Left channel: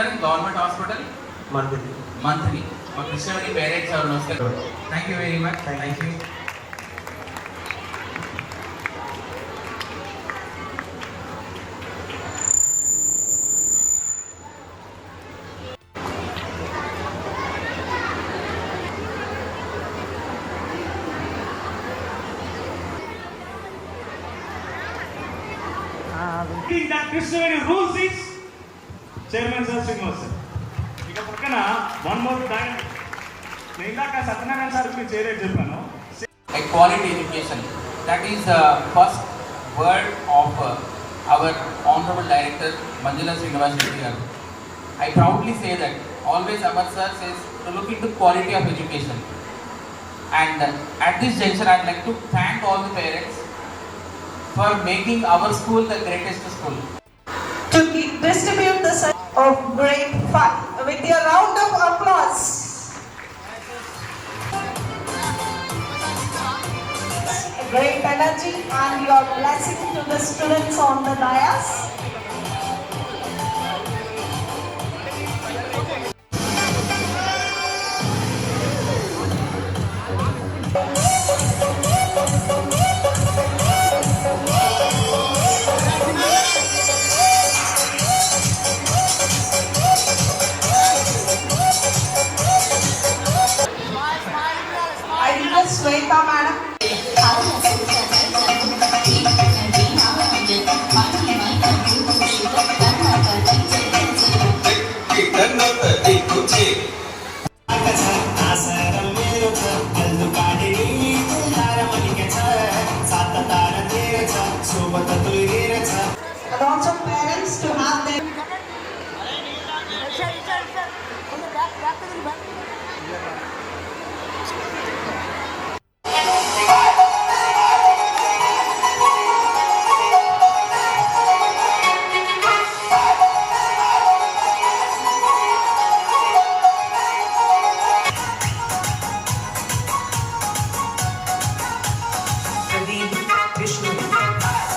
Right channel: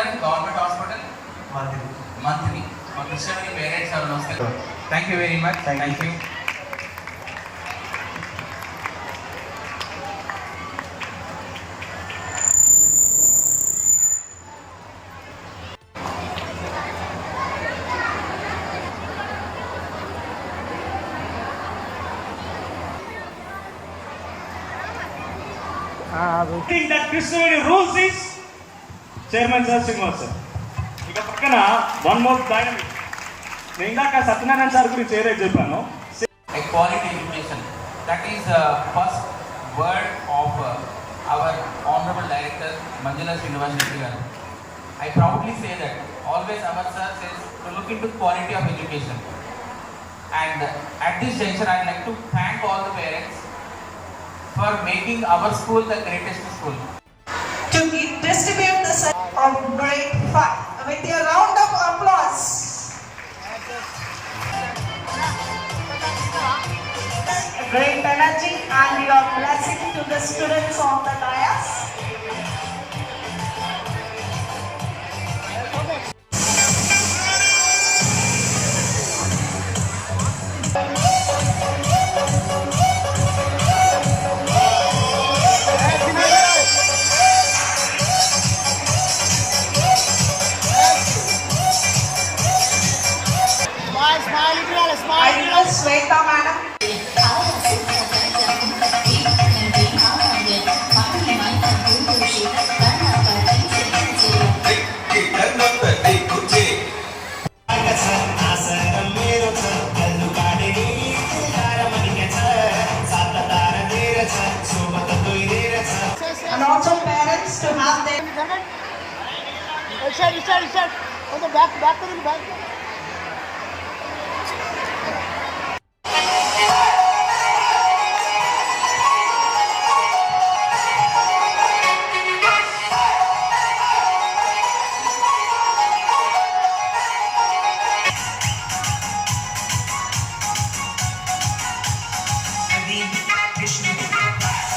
Doctor government hospital మంత్రి మంత్రి మా కృష్ణమణి పేరెంట్స్ సార్ నమస్తే thank you very much thank you King that Christianity rules is chairman sir Srinivas sir ఇక పక్కన one more point నేను ఇందాక సత్యనారాయణ సార్ గురించి ఏదైతే చెప్పాను A quality education. That is the first word of uh, our honorable director Manjula Srinivas Reddy garu. I proudly say that always our sir says to look into quality of education. And uh, at this juncture, I'd like to thank all the parents for making our school the greatest school. To distribute the son of great fun with a round of applause. Great energy and your blessing to the students on the dais. In the back, back, back. Krishna.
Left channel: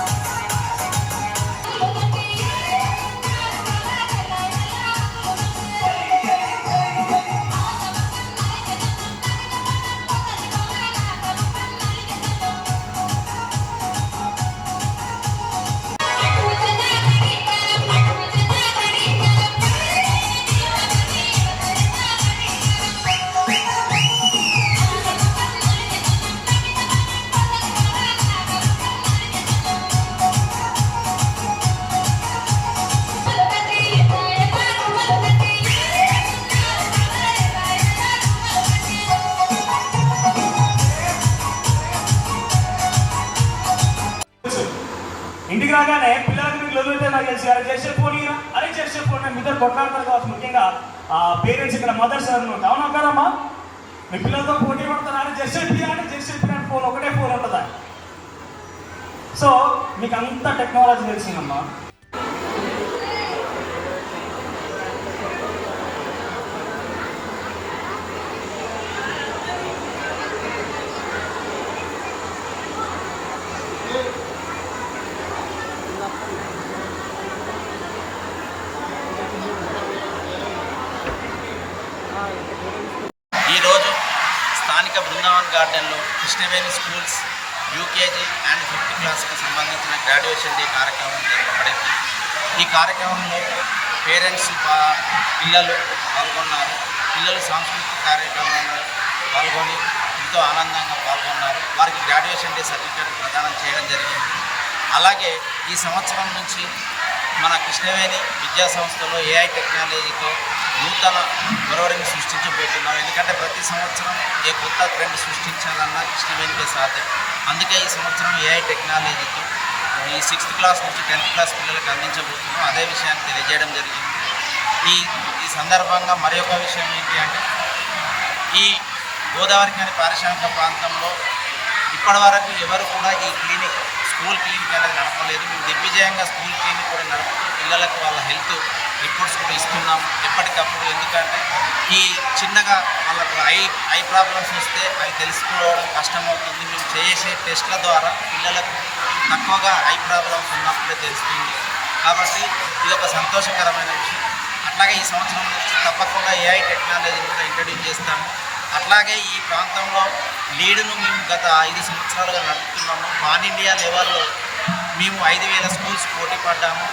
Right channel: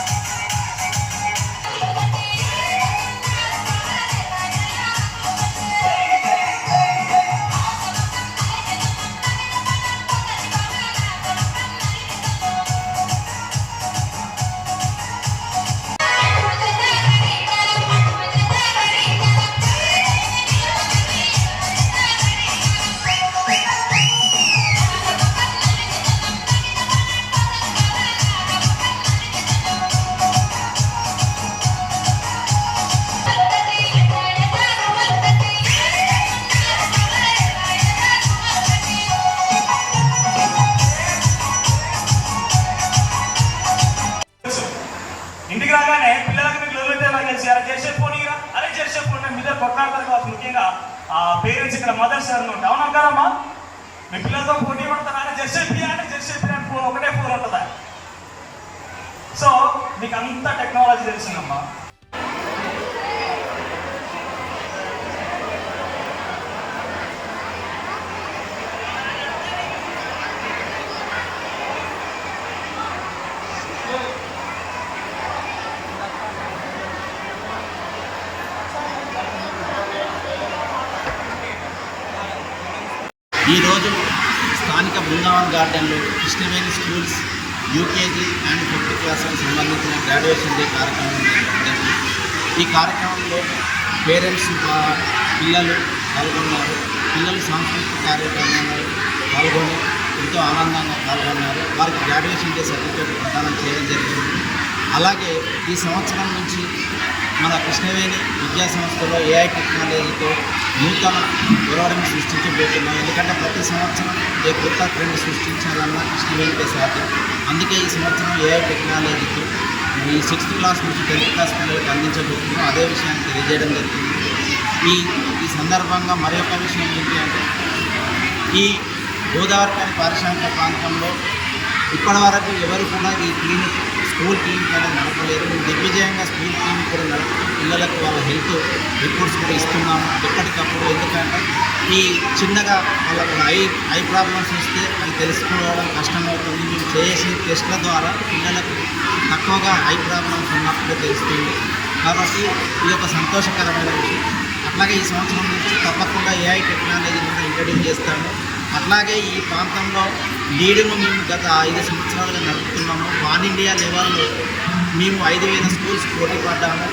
పిల్లలకి మీకు ఎవరైతే ఎలా చేసి అలా చేసే పోనీ అరే చేసే పోనీ మీ ఇద్దరు కొట్లాడతారు కావచ్చు ముఖ్యంగా ఆ పేరెంట్స్ ఇక్కడ మదర్స్ అనమాట అవునా కదమ్మా మీ పిల్లలతో పోటీ పడతారు అరే జెర్సీ అని జెర్సీ అని ఫోన్ ఒకటే ఫోన్ ఉంటుందా? సో మీకు అంత టెక్నాలజీ తెలిసిందమ్మా. ఈరోజు స్థానిక బృందావన్ గార్డెన్లో Krishnaveni schools UKG and fifth క్లాస్కి సంబంధించిన గ్రాడ్యుయేషన్ డే కార్యక్రమం జరపబడింది. ఈ కార్యక్రమంలో పేరెంట్స్ పిల్లలు పాల్గొన్నారు. పిల్లలు సాంస్కృతిక కార్యక్రమంలో పాల్గొని ఎంతో ఆనందంగా పాల్గొన్నారు. వారికి గ్రాడ్యుయేషన్ డే సర్టిఫికేట్ ప్రదానం చేయడం జరిగింది. అలాగే ఈ సంవత్సరం నుంచి మన కృష్ణవేణి విద్యా సంస్థలో ఏఐ టెక్నాలజీతో నూతన ఒరవడిని సృష్టించబోతున్నాం. ఎందుకంటే ప్రతి సంవత్సరం ఏ కొత్త ట్రెండ్ సృష్టించాలన్నా కృష్ణవేణికే సాధ్యం. అందుకే ఈ సంవత్సరం ఏఐ టెక్నాలజీతో ఈ సిక్స్త్ క్లాస్ నుంచి టెన్త్ క్లాస్ పిల్లలకు అందించబోతున్నాం. అదే విషయాన్ని తెలియజేయడం జరిగింది. ఈ ఈ సందర్భంగా మరి విషయం ఏంటి అంటే ఈ గోదావరి కాని పారిశ్రామిక ప్రాంతంలో ఇప్పటివరకు ఎవరు కూడా ఈ క్లినిక్ స్కూల్ క్లినిక్ అనేది నడపలేదు. మేము దిగ్విజయంగా స్కూల్ క్లినిక్ కూడా నడుపుతూ పిల్లలకు వాళ్ళ హెల్త్ రిపోర్ట్స్ కూడా ఇస్తున్నాము ఎప్పటికప్పుడు. ఎందుకంటే ఈ చిన్నగా వాళ్ళకు ఐ ఐ ప్రాబ్లమ్స్ వస్తే అవి తెలుసుకోవడం కష్టమవుతుంది. మేము చేసే టెస్ట్ల ద్వారా పిల్లలకు తక్కువగా ఐ ప్రాబ్లమ్స్ ఉన్నప్పుడే తెలుస్తుంది. కాబట్టి ఇది ఒక సంతోషకరమైన విషయం. అట్లాగే ఈ సంవత్సరం నుంచి తప్పకుండా ఏఐ టెక్నాలజీని కూడా ఇంట్రడ్యూస్ చేస్తాము. అట్లాగే ఈ ప్రాంతంలో లీడును మేము గత ఐదు సంవత్సరాలుగా నడుపుతున్నాము. పాన్ ఇండియా లెవెల్లో మేము ఐదు వేల స్కూల్స్ పోటీ పడ్డాము.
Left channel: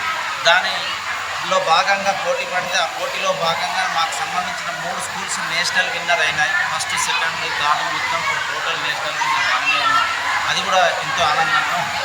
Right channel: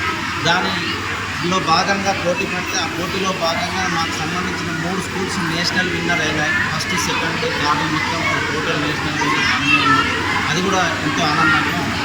దానిలో భాగంగా పోటీ పడితే ఆ పోటీలో భాగంగా మాకు సంబంధించిన మూడు స్కూల్స్ నేషనల్ విన్నర్ అయినాయి. ఫస్ట్ సెకండ్ థర్డ్ మొత్తం టోటల్ నేషనల్ విన్నర్ మనమే ఉన్నాం. అది కూడా ఎంతో ఆనందంగా ఉంది.